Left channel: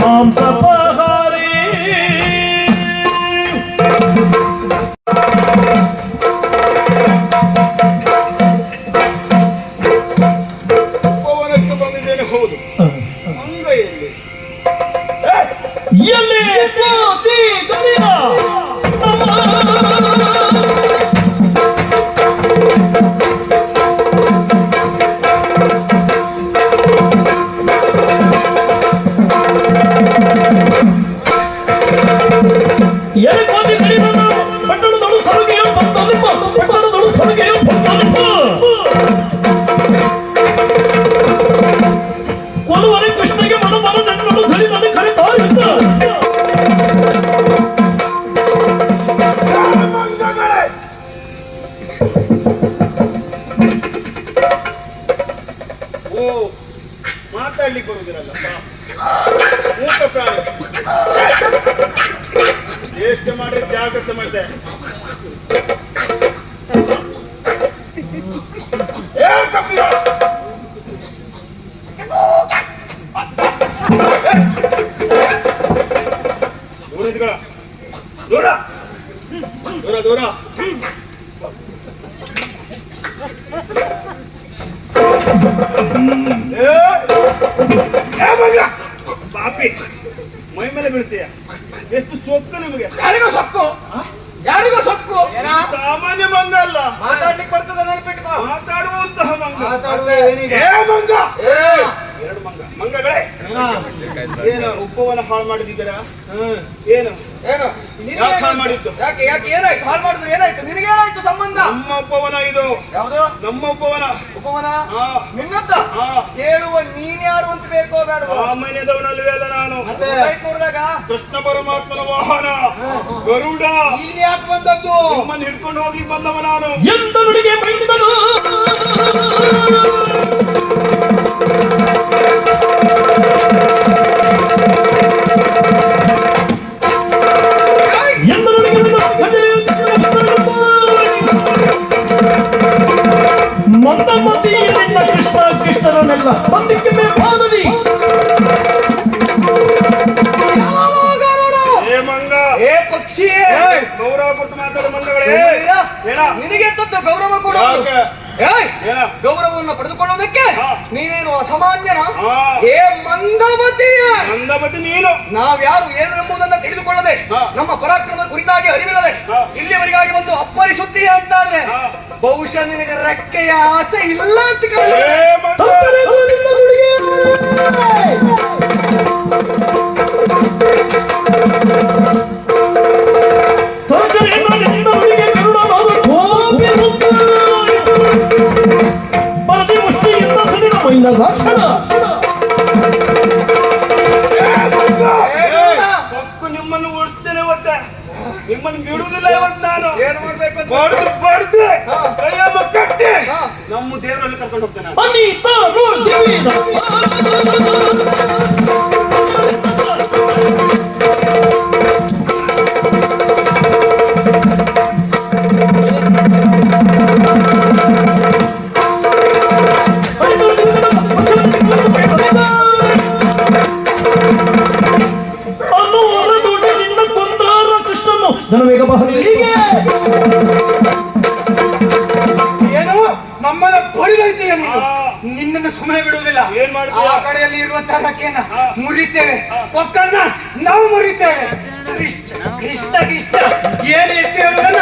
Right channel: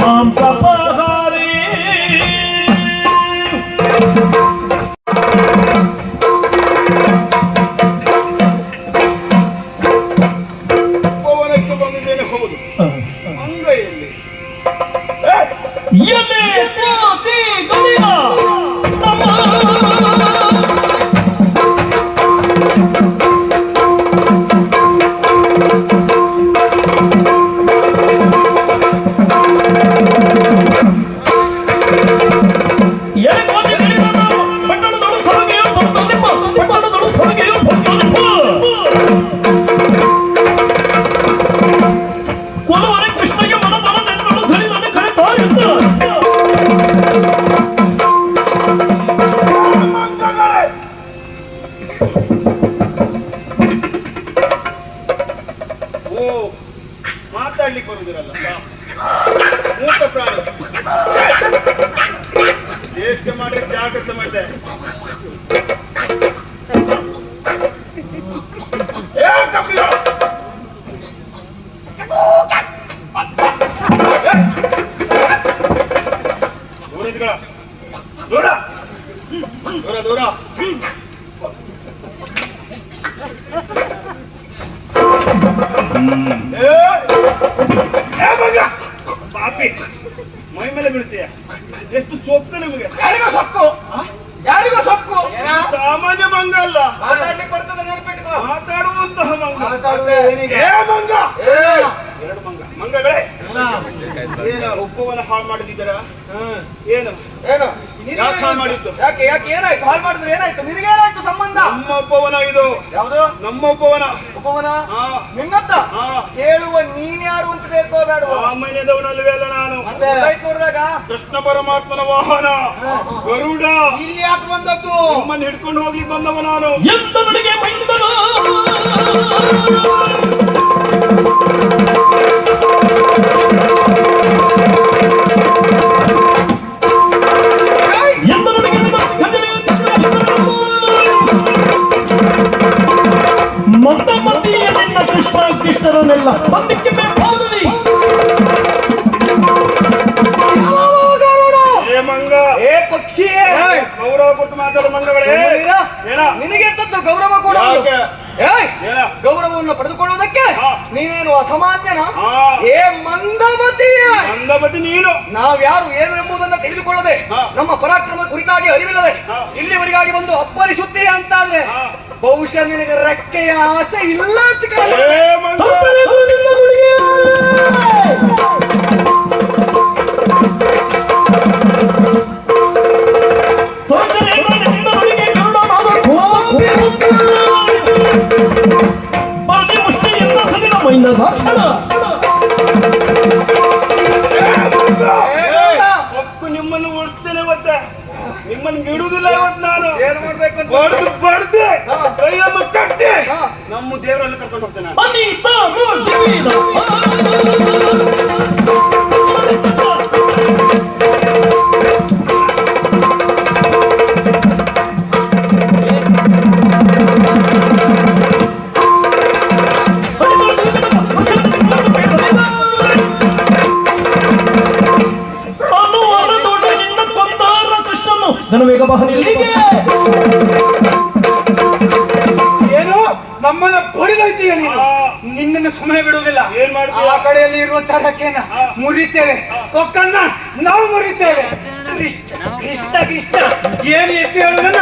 ಮಾಂಸಪಹಾರಿ ಉಪವನಕ್ಕೆ ಬಂದಿದ್ದೇನೆ. ಹೌದು, ಅಂಗೈಯಲ್ಲಿ ಎಲ್ಲಿ ಜ್ಯೋತಿ ಗವಿಯ ಮಾತಾಡ್ಲಿಕ್ಕೆ ಬರುದಿರಲ್ಲ ಮೂಕ ಪ್ರಾಣಿ ಎಷ್ಟು ಮಾಡಿ ಜಾಗ್ರತೆ ಮಾಡಿದೆ. ದೂರ ದೂರ ದೂರ ಪಾಪಿ ಮೈ ಮೇಲೆ ಬೀಳ್ತೀಯ. ಎಷ್ಟು ಸೊಕ್ಕು ನಿಮಗೆ. ಯಾರಿಗೋ ಸೊಕ್ಕು, ಯಾರಿಗೋ ಸೊಕ್ಕು. ಸಾಮಾನ್ಯ ಮಂಗ ಅಲ್ಲ, ಮಾತಾಡ್ಲಿಕ್ಕೆ ಬರ್ತದೆ ನೆನಪಿಟ್ಕೋ. ಮಾತಾಡುವಂತಹ ಮಂಗ. ಮಂಗ ಎರಡು ಮಂಗ ಮಂಗಗಳೇ ಏನು ಉಪ್ಪವನ್ನು ಹಾಳು ಮಾಡಿದ್ದೀರಾ? ಏನು ಏನು ಯಾಕೆ ಹಾಳು ಮಾಡಿದ್ದು? ಯಾಕೆ ಯಾಕೆ ಏನಾಯ್ತು? ಹಾಳು ಮಾಡಿದ್ರೆ ಏನಾಯ್ತು? ನಿನಗೇನಾಯ್ತು ಸಂಬಂಧ? ನಮ್ಮ ಉಪವನ ಇದು. ಯಾವುದು ನಮ್ಮ ಉಪವನ? ಉಪವನ ನಿನ್ನತ್ತ ಕೇಳುವ ನೀನ್ ಯಾರು ಅಂತ ಬೇಕೋ ಬೇಡ? ಸಾಮಾನ್ಯದವನಲ್ವೇ ಅಲ್ಲ ನಾನು. ಕೂಡಿದಾಗ ಕೃಷ್ಣ ಪರಮಾತ್ಮನ ವಾಹನ ಗರುಡ. ಇಲ್ಲಿ ಯಾಕೆ ಬಂದದ್ದು? ನಮ್ಮನ್ನು ಹಿಡ್ಕೊಂಡು ಹೋಗ್ಲಿಕ್ಕೆ ಬಂದವ ನಾನು. ಎಂತವರಿಗೆ ಬೈದನು ಮಂದಮತಿಯಲ್ಲಿನ ಕೃಷ್ಣ ಕೃಷ್ಣರನ್ನೆಲ್ಲ ತಂದಿಕ್ಕೆ ಬೇಕಾದಲ್ಲಿ ಏ ಮಂಗ, ಏ ಪಕ್ಷಿ, ಗೌರವ ಕೊಟ್ಟು ಮಾತಾಡೋ ಮಂಗಗಳೇ. ನಿನಗೆ ಗೌರವ ಕೊಡ. ಗೌರವವನ್ನು ಪಡೆದುಕೊಳ್ಳುವುದಕ್ಕೆ ನೀನು ಅಸಾಮಾನ್ಯನ? ಏ ಮಂದಮತಿಯ ಮಂದಮತಿ ನೀನು. ನಾವ್ಯಾರು ಏನು ಎಂಬುದನ್ನು ತಿಳಿದುಕೊಳ್ಳದೆ ನಮ್ಮ ಪರಾಕ್ರಮ ಕುರಿತಾಗಿ ಅರಿವಿಲ್ಲದೆ ಇಲ್ಲಿವರೆಗಾಗಿ ಒಂದು ಅಪ್ಪರಿಸುತ್ತೀಯ ಅಂತಾದ್ರೆ ಬಹುಶಃ ನಿನಗೆ ರೆಕ್ಕೆಯ ಆಸೆ ಇಲ್ಲ ಅಂತ ನಿಮ್ಮನ್ನು ಓಡಿಸ್ತೇನೆ ಇವತ್ತೆ. ನಿಮ್ಮನ್ನು ಬಿಡುವುದಿಲ್ಲ ಇವತ್ತು ನಾನು. ಏನ್ ಮಾಡ್ಬೇಕು? ಬಡ್ದು ಕೈಯನ್ನು ಕಟ್ಟಿ ನಮ್ಮ ದೇವರಲ್ಲಿ ಕರ್ಕೊಂಡು ಹೋಗ್ತೇನೆ. ಏನು ನಮ್ಮನ್ನ ಬಡಿದೈತೀಯ ನೀನು? ನಿನ್ನನ್ನು ಸುಮ್ಮನೆ ಬಿಡುವುದಿಲ್ಲ. ಏನ್ ಮಾಡ್ತೀಯ? ಆ ಕಡೆಯಲ್ಲಿ ಇರುವಂತಹ ರಕ್ಕೆಯನ್ನ ಮುರಿತೇವೆ, ಕೊಕ್ಕನ್ನ ನಾವು ಮುರಿತೇವೆ. ಇಷ್ಟ ಇಷ್ಟ ಏನು ಎಷ್ಟು ಹೇಳುವುದನ್ನ